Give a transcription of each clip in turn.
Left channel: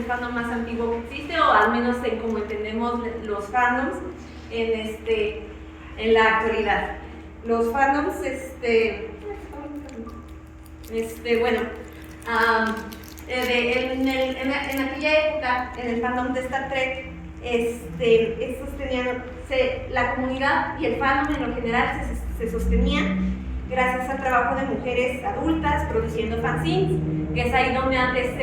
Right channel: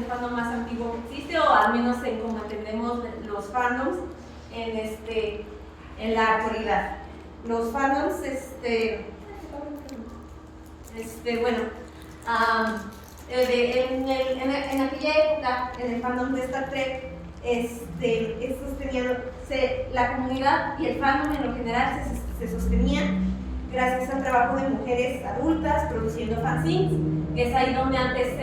el fandom más antiguo que existe, o al menos en como entendemos los fandoms en la actualidad. Los fandoms, bueno, en aquella época, en el fandom de Star Trek, estos tenían, la comunidad y el fandom en lo general se sostenía gracias al trabajo de mujeres adultas produciendo fanzines, que es ahí donde antes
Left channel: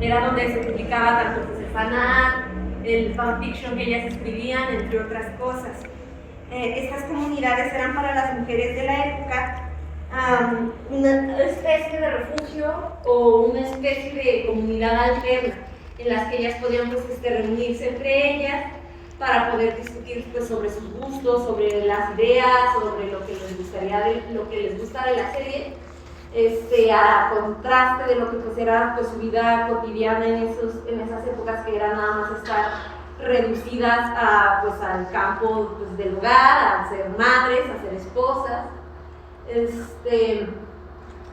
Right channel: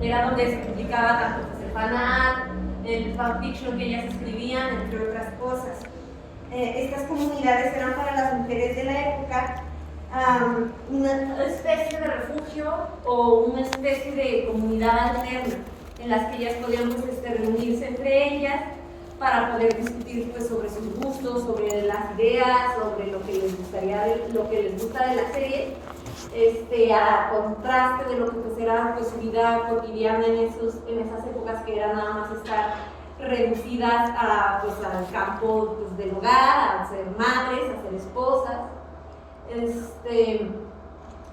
era donde se publicaba tanto pues, el fanart, el fanfiction que ellas escribían, entre otras cosas. Estas comunidades eran para las mujeres de la época una especie de refugio o una especie de comunidad alterna en las que ellas podían pues, reunirse entre ellas para poder discutir pues, sobre sus gustos, sobre las ideas, sobre lo que les gusta de la serie, a contraste de lo que pues, era pues, su vida cotidiana en esas épocas que era nada más estar reducidas pues, al campo pues, del hogar, a ser madres, a ser esposas.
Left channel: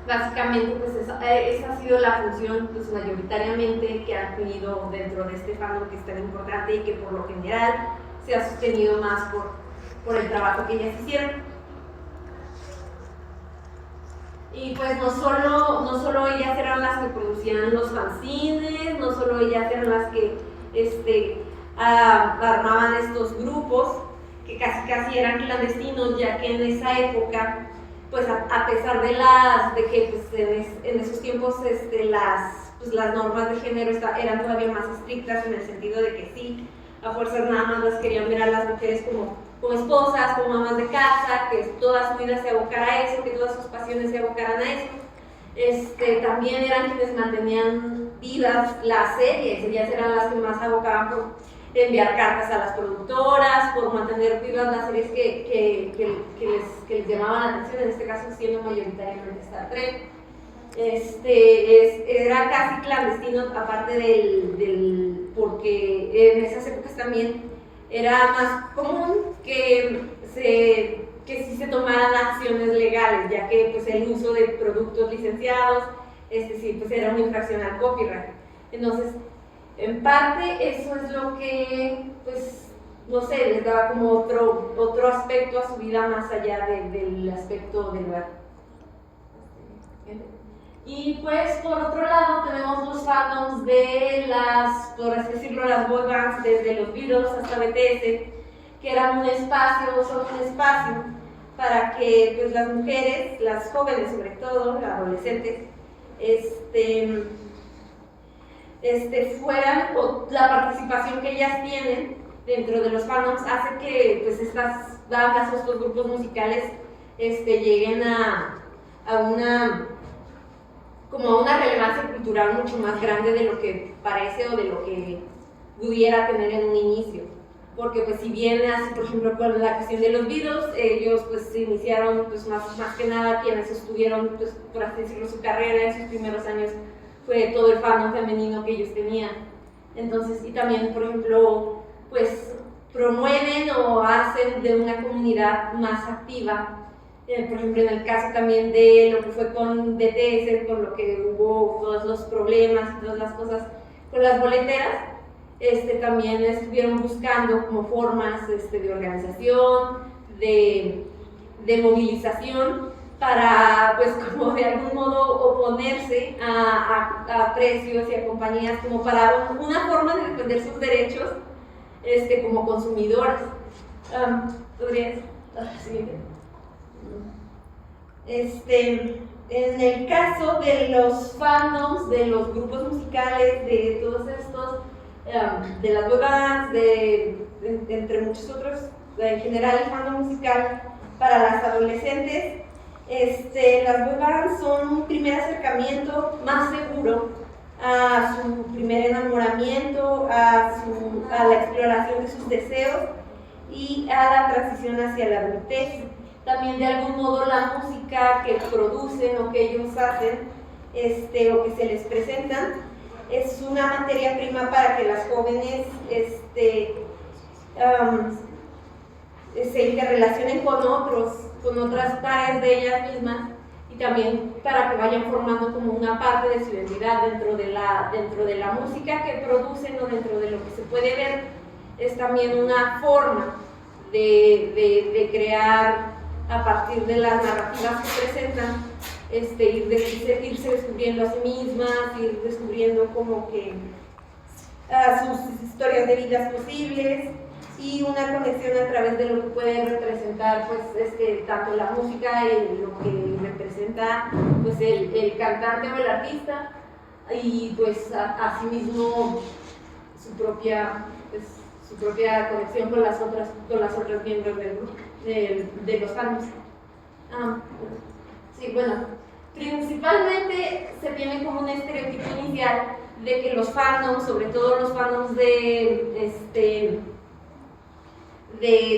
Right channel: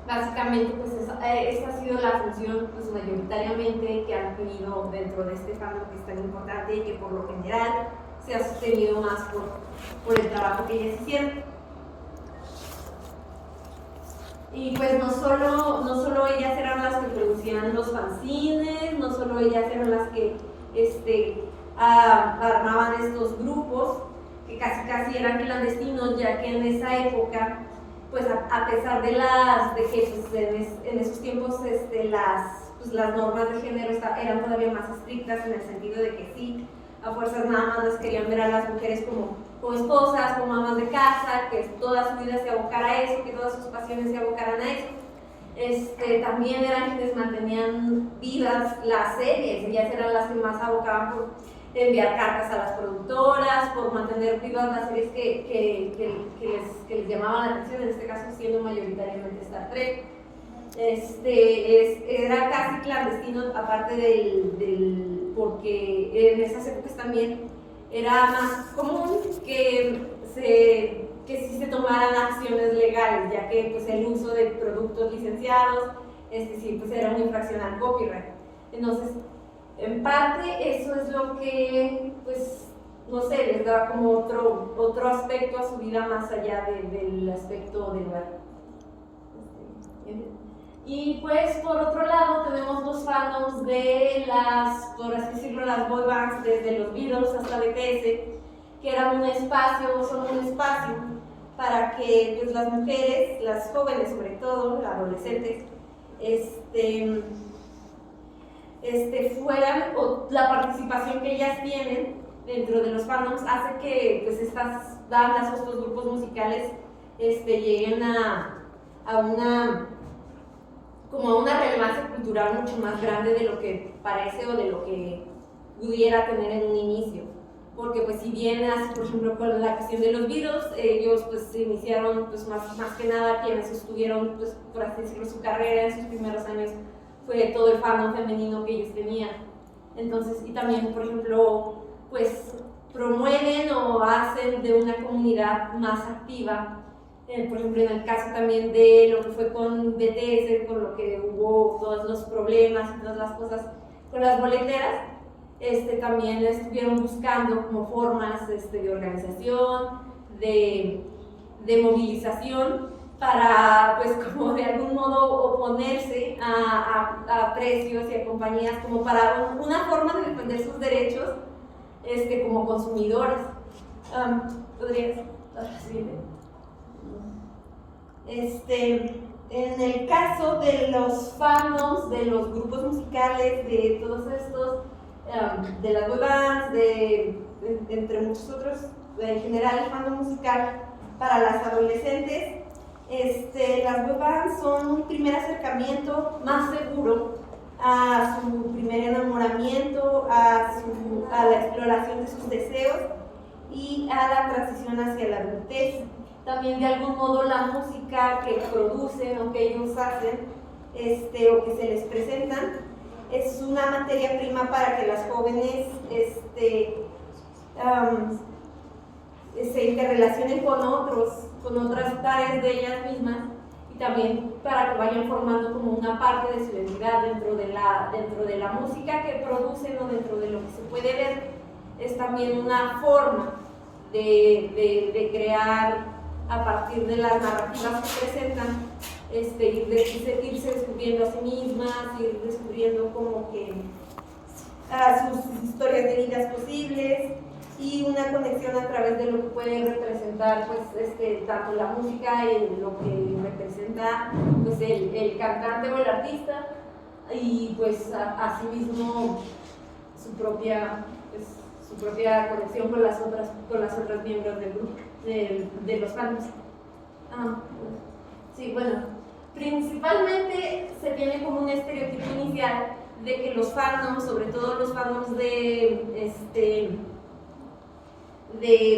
Básicamente pues esa ha sido la función pues, mayoritariamente que han tenido dentro de este fandom, que es tan importante y que por lo general se ha sostenido más por el trabajo que ellas hicieron. Y pues no solo ellas eran las que producían los fanzines, no solo ellas eran las que armaban estos grupos que casi eran clandestinos, ya que en esa época pues a pesar de que pues, en esos tiempos las normas de género eran todavía más estrictas, en el sentido de que sí, a fuerzas nada más las querían ver a las mujeres como esposas, como amas de casa, que toda su vida se abocara a eso, que todas sus pasiones se abocaran a eso. También eran quienes mantenían vivas las series, ellas eran las que más abocaban por enviar cartas a las productoras, por mantener vivas las series que les llamaban la atención, en este caso siendo mayoritariamente Star Trek. Era casi clandestino, aparte porque en esas épocas también era más común que sí se tomaran acciones legales, ya que pues, el uso de productos licenciados sí, pues, era una infracción al copyright. Entonces, en parte eso es lo que, pues, no sé, les daba como otro aspecto a su vida más allá del aspecto del hogar. Y pues por otro lado tenemos los fandoms de por así decirlo, las boy bands, desde los Beatles hasta BTS, que son un espacio para que pues, las mujeres, las jóvenes sobre todo, las adolescentes, o la participación que ellas tienen dentro de los fandoms hace que pues, estas bandas o estos grupos musicales lleguen a una relevancia cultural mucho más grande de lo que parece o de lo que pudiera tener en un inicio. Porque pues si bien así, por ejemplo, con la cuestión de los Beatles, ellos pues se iniciaron pues más que nada quienes sostuvieron pues por así decirlo su carrera en sus primeros años fue todo el fandom femenino que ellos tenían. Entonces, y también, por ejemplo, pues promueven o hacen de una comunidad más activa. Por ejemplo, en el caso también de lo que fue con BTS, con lo que hubo todos los problemas y todas las cosas con las boleteras, también estuvieron buscando como formas de organización, de movilización, para pues como de algún modo oponerse a precios y a compañías, como para una forma de defender sus derechos como consumidoras. ¿Podrías? Siguiente. En el caso de los fandoms, de los grupos musicales, de todos estos, de las boy bands, entre muchos otros, en general el fandom musical para las adolescentes, las boy bands son un primer acercamiento más seguro a su primer enamoramiento, a la exploración de sus deseos y a la transición hacia la adultez. También de algún modo la música que producen o que ellos hacen o que se les presentan es una materia prima para que las jóvenes se interrelacionen con otras pares de ellas mismas y y también para que vayan formando como una parte de su identidad dentro de la música que producen o dentro de lo que se puede ver. Es también una forma de crear a partir de las narrativas que presentan, irse descubriendo a sí mismas, ir descubriendo como que sus historias de vidas posibles y una conexión a través de lo que puede representar pues, tanto la música y lo que representa pues, el cantante o el artista y pues asimismo su propia conexión con las otras miembros del grupo, de los fans. Sí, bueno, principalmente se tiene como un estereotipo inicial de que los fandoms, sobre todo los fandoms de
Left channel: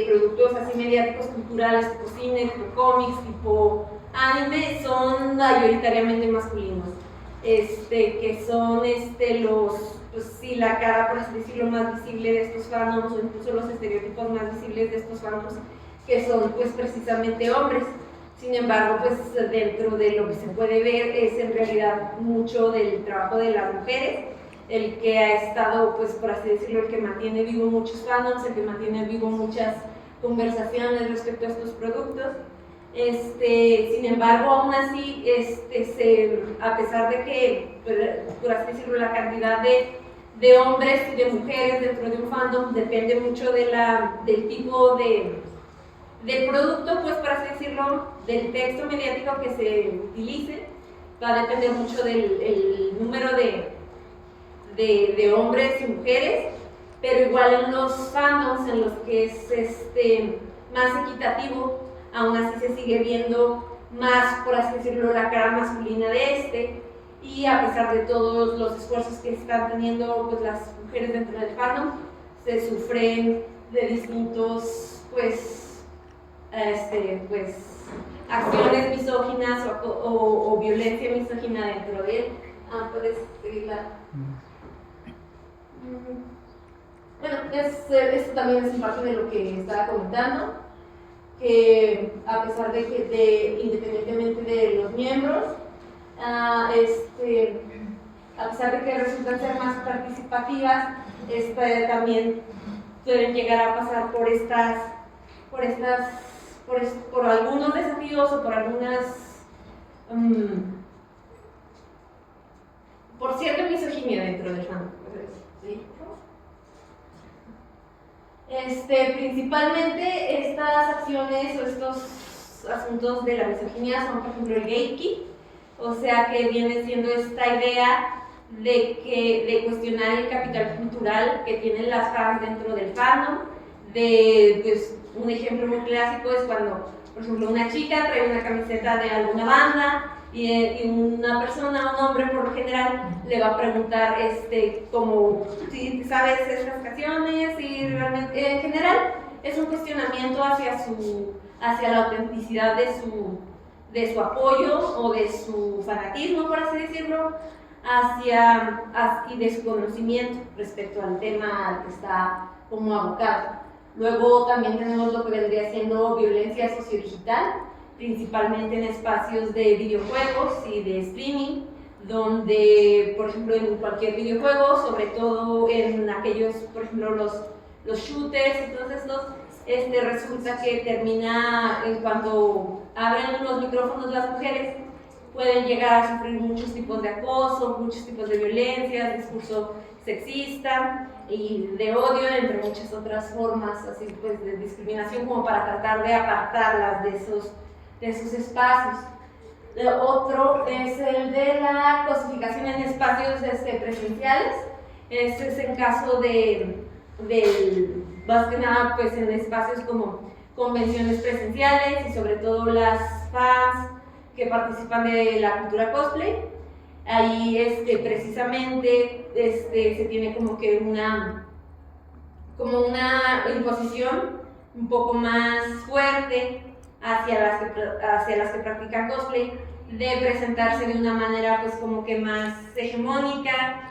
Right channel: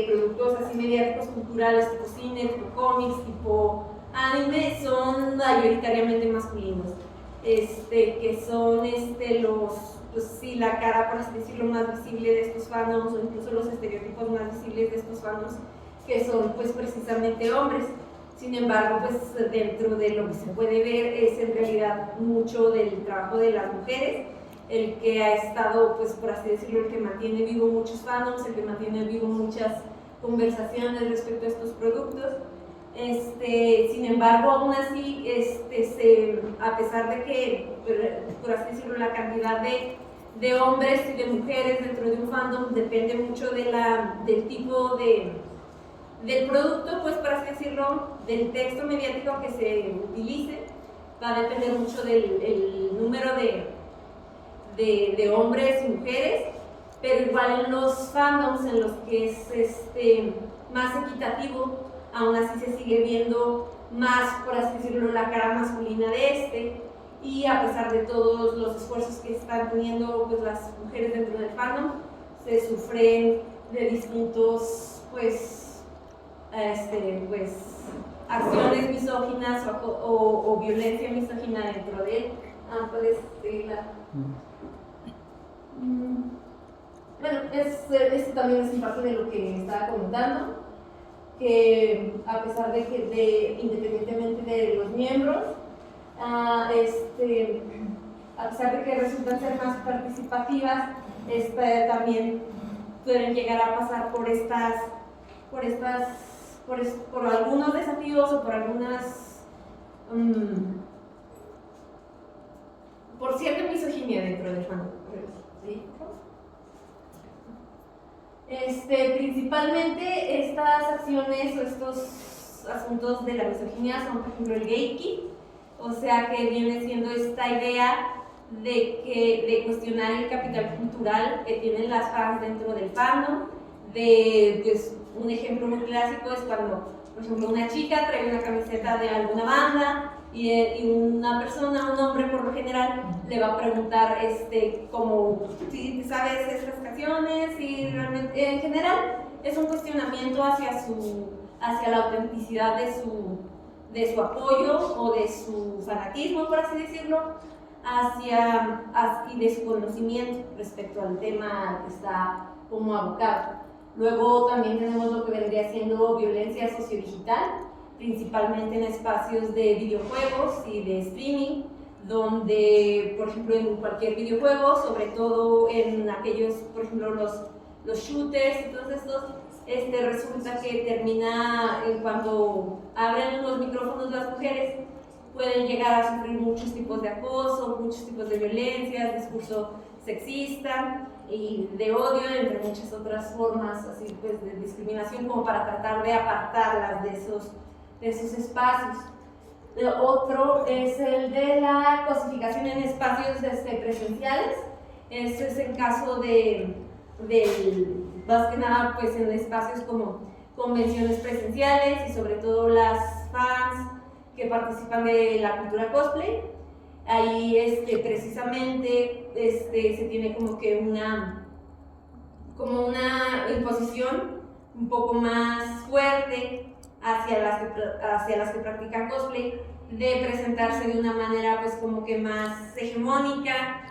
productos así mediáticos culturales, tipo cine, tipo cómics, tipo anime, son mayoritariamente masculinos, que son pues sí, la cara, por así decirlo, más visible de estos fandoms, o incluso los estereotipos más visibles de estos fandoms, que son pues precisamente hombres. Sin embargo, pues dentro de lo que se puede ver es en realidad mucho del trabajo de las mujeres, el que ha estado, pues por así decirlo, el que mantiene vivo muchos fandoms, el que mantiene vivo muchas conversaciones respecto a estos productos. Sin embargo, aún así, a pesar de que, por así decirlo, la cantidad de hombres y de mujeres dentro de un fandom depende mucho del tipo del producto, pues por así decirlo, del texto mediático que se utilice, va a depender mucho del número de hombres y mujeres, pero igual en los fandoms en los que es más equitativo, aún así se sigue viendo más, por así decirlo, la cara masculina de y a pesar de todos los esfuerzos que están teniendo pues, las mujeres dentro del fandom, se sufren de distintos pues acciones misóginas o violencia misógina dentro de él. Puedes seguirla. Bueno, esto también es parte de lo que estaba comentando, que a pesar independientemente de los miembros, a pesar de que resultan ser más participativas, también pueden llegar a pasar por algunos desafíos o por cierta misoginia dentro del fandom. ¿Sí? Principalmente estas acciones o estos asuntos de la misoginia son, por ejemplo, el gatekeep, o sea que viene siendo esta idea de cuestionar el capital cultural que tienen las fans dentro del fandom. Pues, un ejemplo muy clásico es cuando, por ejemplo, una chica trae una camiseta de alguna banda y una persona, un hombre por lo general, le va a preguntar como si sabes estas canciones y realmente, en general, es un cuestionamiento hacia la autenticidad de su apoyo o de su fanatismo, por así decirlo, y de su conocimiento respecto al tema al que está como abocado. Luego también tenemos lo que vendría siendo violencia sociodigital, principalmente en espacios de videojuegos y de streaming, donde, por ejemplo, en cualquier videojuego, sobre todo en aquellos, por ejemplo, los shooters y todos estos, resulta que termina, en cuanto abren los micrófonos las mujeres, pueden llegar a sufrir muchos tipos de acoso, muchos tipos de violencia, discurso sexista y de odio, entre muchas otras formas así, pues, de discriminación, como para tratar de apartarlas de esos espacios. Otro es el de la cosificación en espacios presenciales. Este es en caso más que nada pues, en espacios como convenciones presenciales y sobre todo las fans que participan de la cultura cosplay. Ahí precisamente se tiene como que una imposición un poco más fuerte hacia las que practican cosplay, de presentarse de una manera pues como que más hegemónica,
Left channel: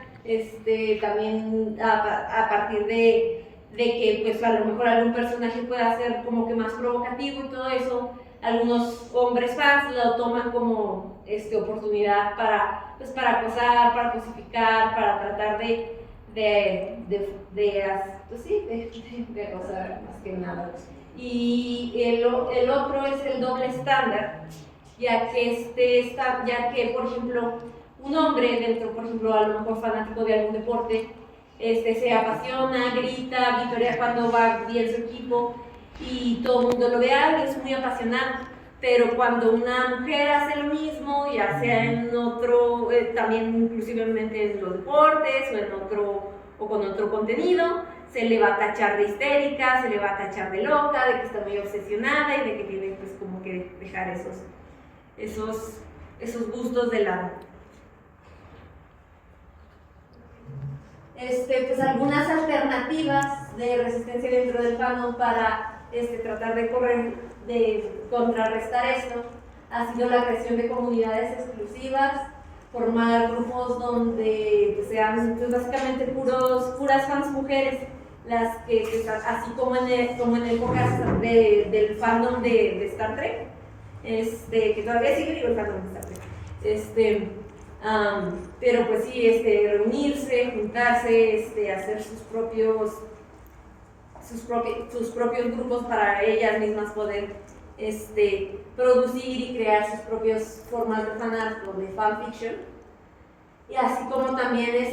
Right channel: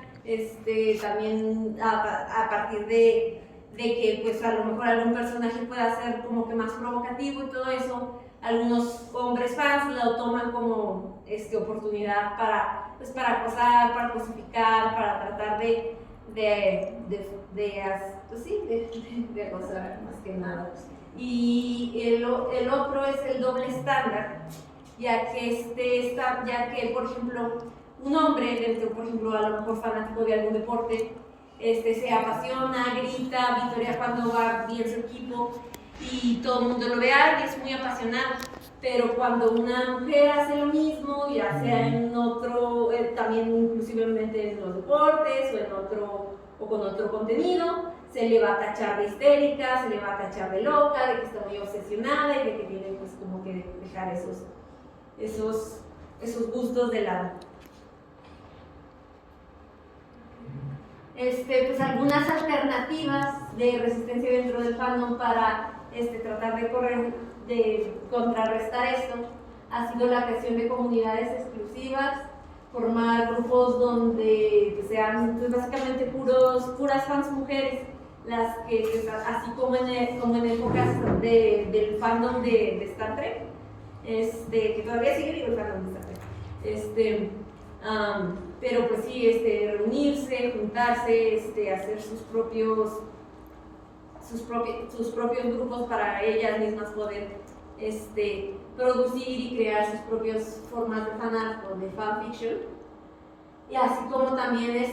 también a partir de que pues a lo mejor algún personaje pueda ser como que más provocativo y todo eso, algunos hombres fans lo toman como oportunidad para, pues, para acosar, para cosificar, para tratar de acosar más que nada. Y el otro es el doble estándar, ya que por ejemplo un hombre dentro, por ejemplo, a lo mejor fanático de algún deporte, se apasiona, grita, victoria cuando va bien su equipo y todo el mundo lo ve y es muy apasionado. Pero cuando una mujer hace lo mismo, ya sea en otro, también inclusivamente en los deportes o con otro contenido, se le va a tachar de histérica, se le va a tachar de loca, de que está muy obsesionada y de que tiene pues como que dejar esos gustos de lado. Pues algunas alternativas de resistencia dentro del fandom para tratar de contrarrestar esto ha sido la creación de comunidades exclusivas, formar grupos donde pues, sean pues, básicamente puras fans mujeres, las que pues, así como en épocas del fandom de Star Trek, que todavía sigue vivo el fandom de Star Trek, pero pues sí, reunirse, juntarse, hacer sus propios grupos para ellas mismas poder producir y crear sus propias formas de fanart o de fanfiction, y así como también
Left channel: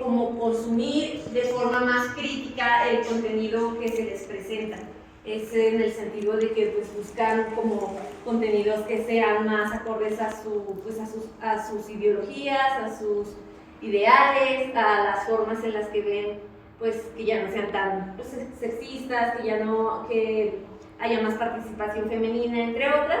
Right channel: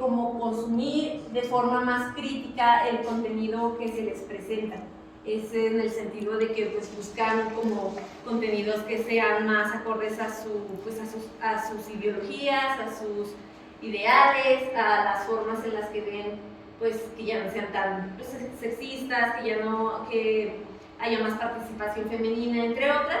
como consumir de forma más crítica el contenido que se les presenta. Es en el sentido de que pues buscan como contenidos que sean más acordes a sus ideologías, a sus ideales, a las formas en las que ven pues que ya no sean tan pues, sexistas, que haya más participación femenina, entre otras,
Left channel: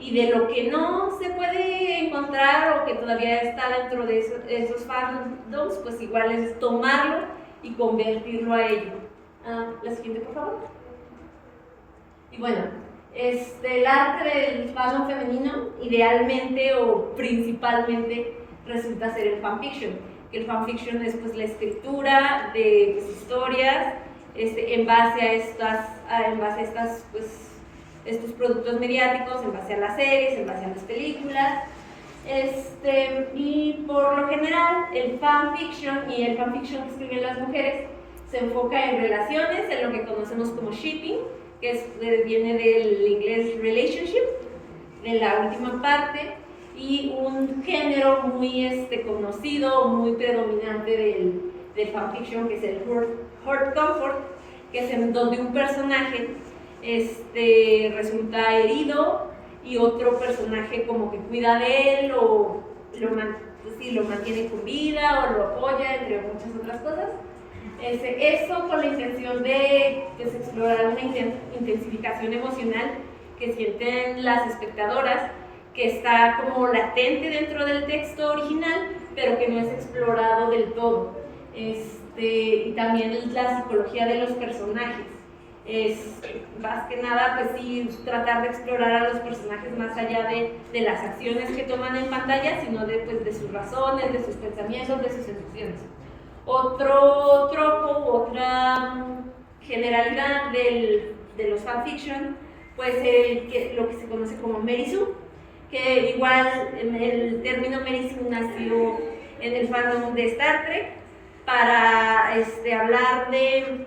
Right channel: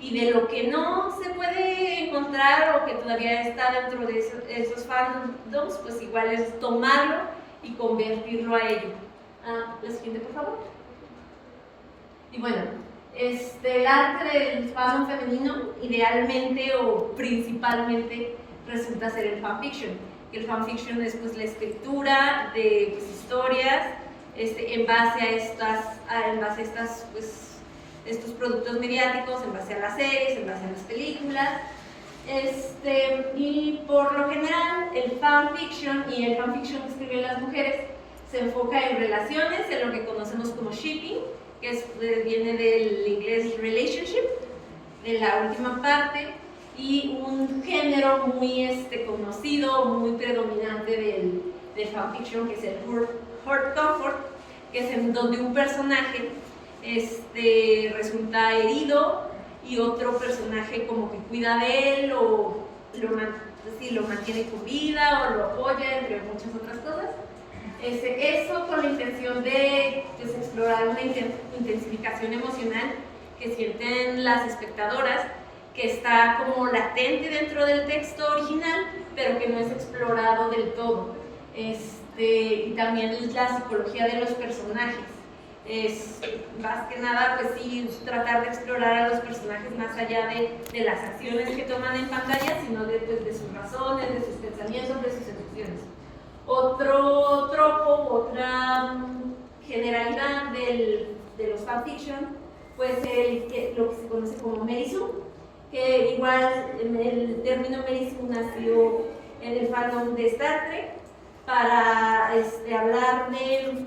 y de lo que no se puede encontrar o que todavía está dentro de esos fandoms, pues igual es tomarlo y convertirlo a ello. La siguiente, por favor. Y bueno, el arte del fandom femenino idealmente o principalmente resulta ser el fanfiction. El fanfiction es pues la escritura de pues, historias en base a estos productos mediáticos, en base a las series, en base a las películas. Y por lo general el fanfiction y el fanfiction que escriben las mujeres se enfoca en relaciones, en lo que conocemos como shipping, que viene del inglés relationship, de la última parte, y un género muy conocido, muy predominante del fanfiction, que es el hurt comfort, que es en donde un personaje resulta herido y otro personaje como que cuida de él o lo mantiene con vida o lo apoya, entre muchas otras cosas. Eso con la intención de pues, explorar una intensificación emocional que sienten las espectadoras, que está como latente dentro del texto original, pero que no es explorado del todo. Y también la psicología de los personajes. Más que nada, pues sí, tratar de explorar a los personajes más allá de las acciones que toman en pantalla, sino de sus razones, de sus pensamientos, de sus emociones. Otro tropo, otra generalidad de los fanfiction, pues lo que se conoce como Mary Sue, que igual el término Mary Sue nació en el fandom de Star Trek para hablar de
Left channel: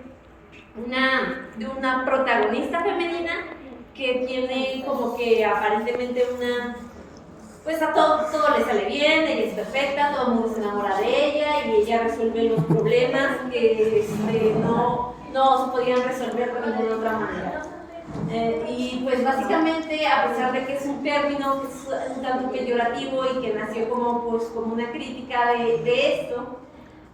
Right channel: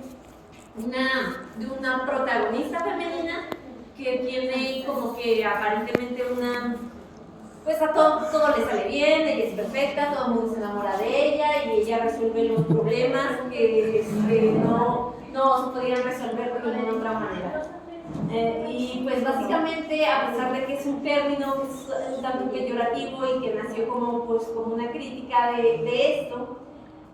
una protagonista femenina que tiene como que aparentemente pues a todo le sale bien, ella es perfecta, todo el mundo se enamora de ella y ella resuelve los problemas que no se podían resolver de ninguna otra manera. Y pues básicamente, a pesar de que es un término pues, un tanto peyorativo y que nació como una crítica de esto,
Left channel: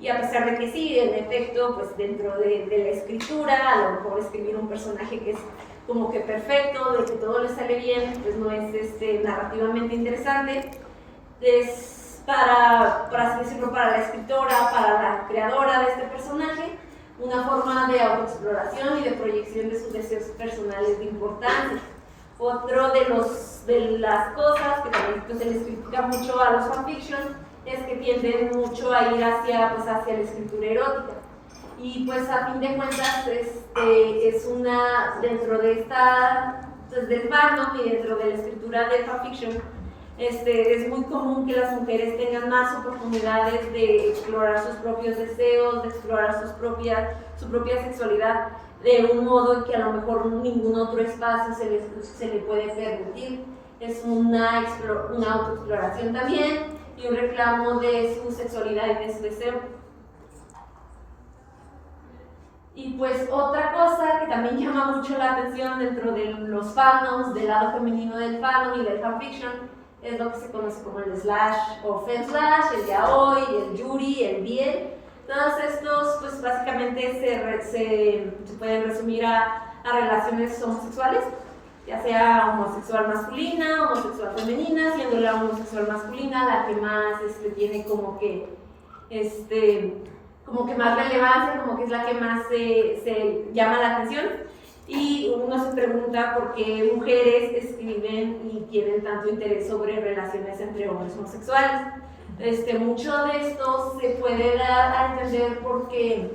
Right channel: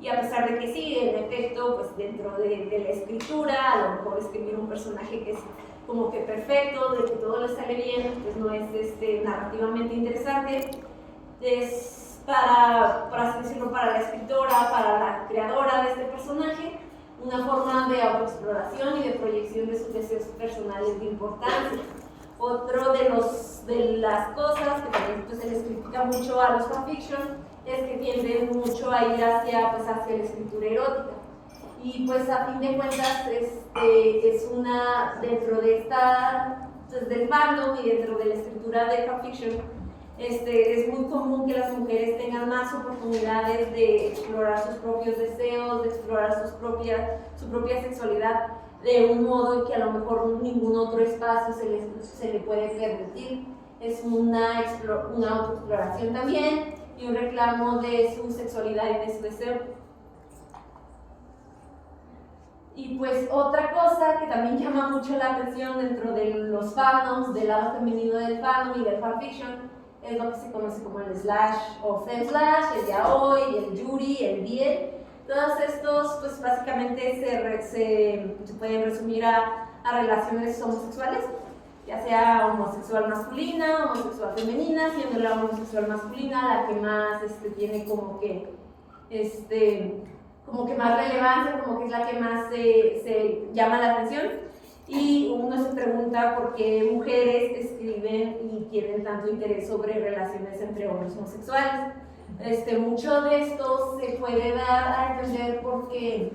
y a pesar de que sí, en efecto, pues dentro de la escritura, a lo mejor escribir un personaje que es como que perfecto, de que todo le sale bien, pues no es narrativamente interesante. Es por así decirlo, para la escritora, para la creadora de este personaje, una forma de autoexploración y de proyección de sus deseos personales de importancia. Otro de las cosas que también pues, se les critica mucho a los fanfiction es que tienden mucho a ir hacia la escritura erótica. Y pues a fin de cuentas es dentro de esta Entonces, del fandom y dentro de la escritura de fanfiction, es muy común que las mujeres tengan más oportunidades de explorar sus propios deseos, de explorar su propia sexualidad de un modo que a lo mejor ningún otro espacio se le puede permitir. Es una autoexploración también y un reclamo de su sexualidad y de su deseo. Y pues otra cosa que también llama mucho la atención dentro de los fandoms, del lado femenino del fandom y del fanfiction, es lo que se conoce como el slash o femslash, el yaoi, el yuri, el biel. Todos estos pues básicamente se pueden resumir a relaciones homosexuales, ya sea homosexual masculina, homosexual femenina, siendo la homosexual masculina la que más tiene como que más relevancia, como que es la que más se llama la atención. Y uno se pregunta por qué mujeres escriben y tienen tanto interés sobre relaciones entre hombres homosexuales. Mucho de esto se puede dar a entender porque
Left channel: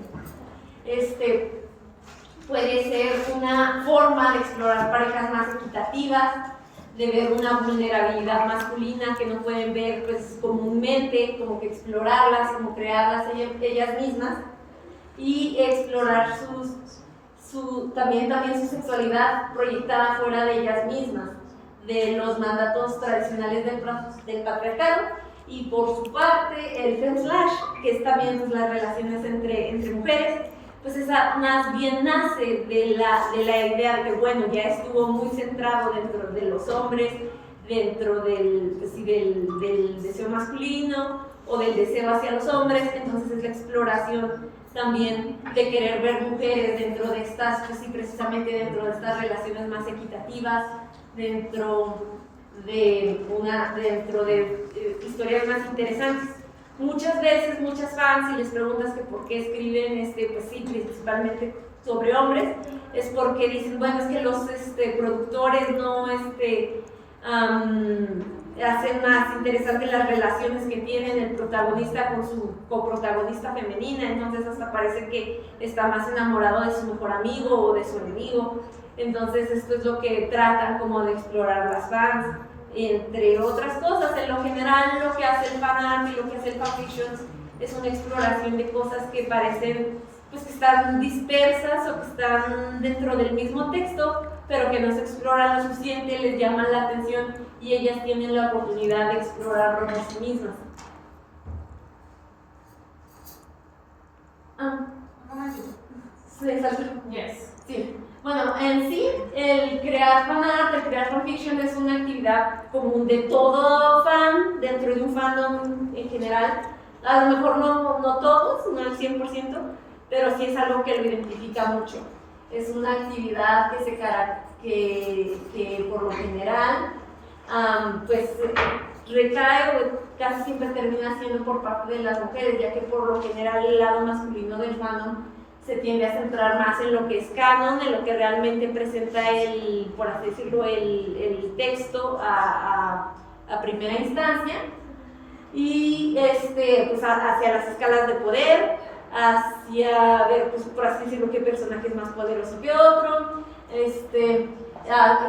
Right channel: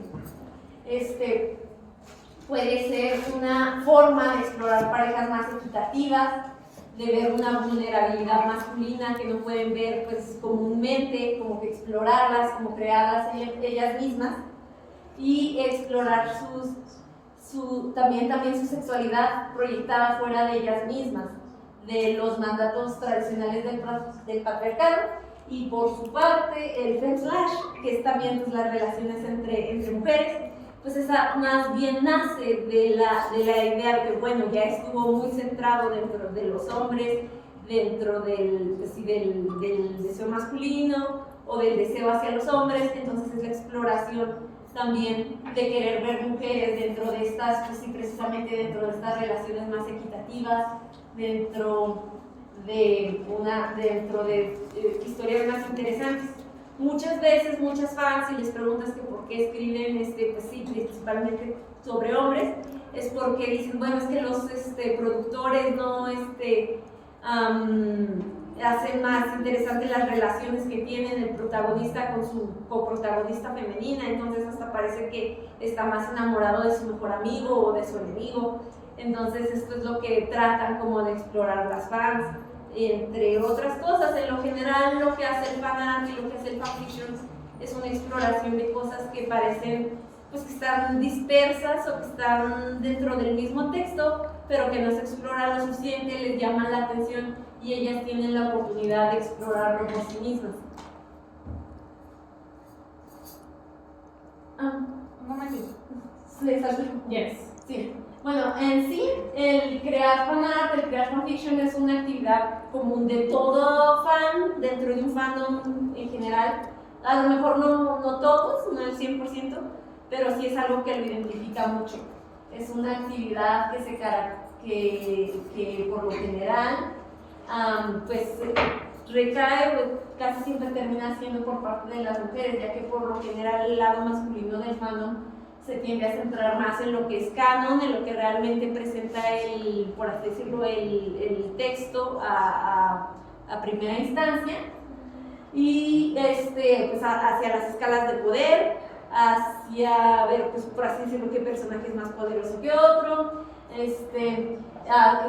puede ser una forma de explorar parejas más equitativas, de ver una vulnerabilidad masculina que no pueden ver pues, comúnmente, como que explorarlas, como crearlas ellas mismas y explorar también su sexualidad proyectada fuera de ellas mismas, de los mandatos tradicionales del patriarcado. Y por su parte el femslash, que es también pues, las relaciones entre mujeres, pues esa más bien nace de la idea de que bueno, ya estuvo muy centrado dentro de los hombres, dentro del deseo masculino o del deseo hacia los hombres, entonces es la exploración también de querer ver mujeres dentro de estas, pues sí, precisamente dentro de estas relaciones más equitativas, dentro de historias más interesantes. Muchas veces, muchas fans, si les preguntas que por qué escriben, pues sí, principalmente sobre hombres, es porque dicen, bueno, es que los productores no hacen más interesantes las relaciones que tienen el protagonista con su coprotagonista femenina, entonces hasta parece que está más enamorado de su mejor amigo o de su enemigo. Entonces esto es lo que tratan como de explorar las fans, entre otras cosas. En lo general lo que hace el fanart y lo que hace el fanfiction es una exploración de cosas que parecen pues que están dispersas o que están dentro del mismo texto, pero que no se exploran lo suficiente, les llaman la atención y ellas tienen la oportunidad de explorarlo por sí mismas. Yes. Sí. Bueno, en sí, el crear fanart, el crear fanfiction es una actividad común de todo fan dentro de un fandom en general. A lo mejor no todos, no el 100%, pero sí es algo que lo identifica mucho. Es una actividad que por lo general pues recae o casi siempre termina siendo por parte de las mujeres, ya que por lo general el lado masculino del fandom se tiende a centrar más en lo que es canon, en lo que realmente presenta por así decirlo, el texto a primera instancia, y pues hacia las escalas de poder, hacia ver, pues, por así decirlo, qué personaje es más poderoso que otro,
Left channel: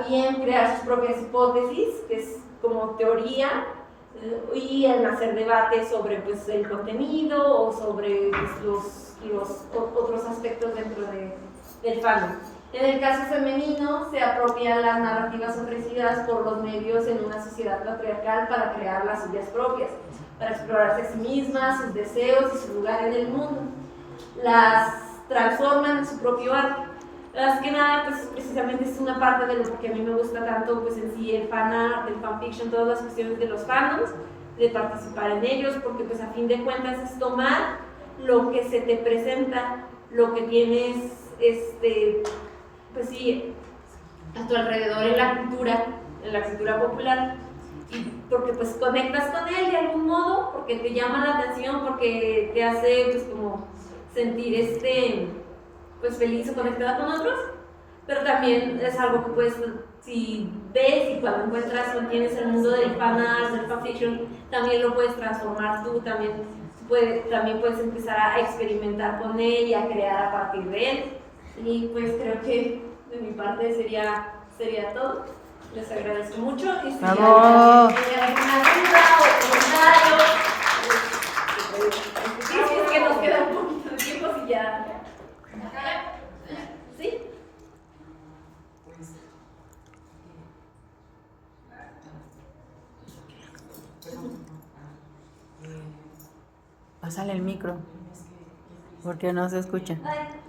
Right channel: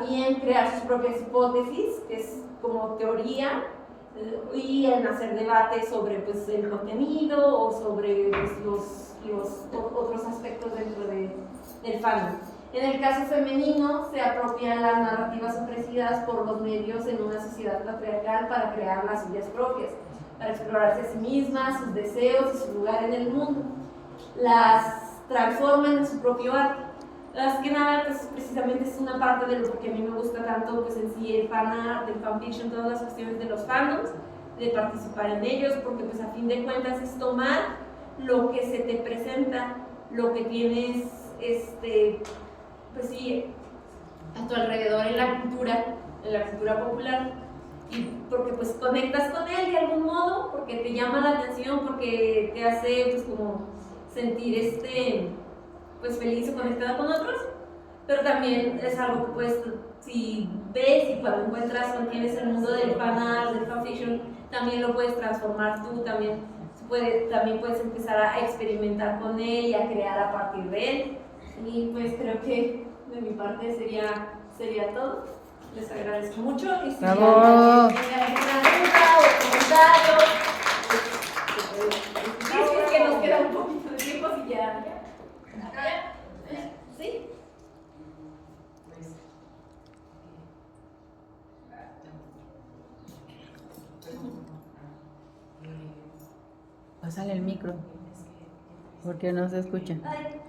y en crear sus propias hipótesis, que es como teoría, y en hacer debates sobre pues, el contenido o sobre pues, los otros aspectos dentro del fandom. En el caso femenino, se apropian las narrativas ofrecidas por los medios en una sociedad patriarcal para crear las suyas propias, para explorarse a sí mismas, sus deseos y su lugar en el mundo. Las transforman en su propio arte. Más que nada, pues precisamente es una parte de lo que a mí me gusta tanto, pues en sí el fanart, el fanfiction, todas las cuestiones de los fandoms, de participar en ellos, porque pues a fin de cuentas es tomar lo que se te presenta, lo que tienes, pues sí, a tu alrededor en la cultura popular, y porque pues conectas con él de algún modo, porque te llama la atención, porque te hace pues como sentir pues feliz o conectada con otros, pero también es algo que puedes, si ves y cuando encuentras o tienes el mundo del fanart, del fanfiction, también lo puedes transformar tú, también puedes empezar a experimentar con él y a crear a partir de él. Y pues creo que de mi parte sería sería todo. Les agradezco mucho. Y si ¡Bravo! hay alguna duda o comentario, sí, es que nos queda un poquito de tiempo, si ya. ¿Sí? Pásale el micro, porque no se escucha. Ay.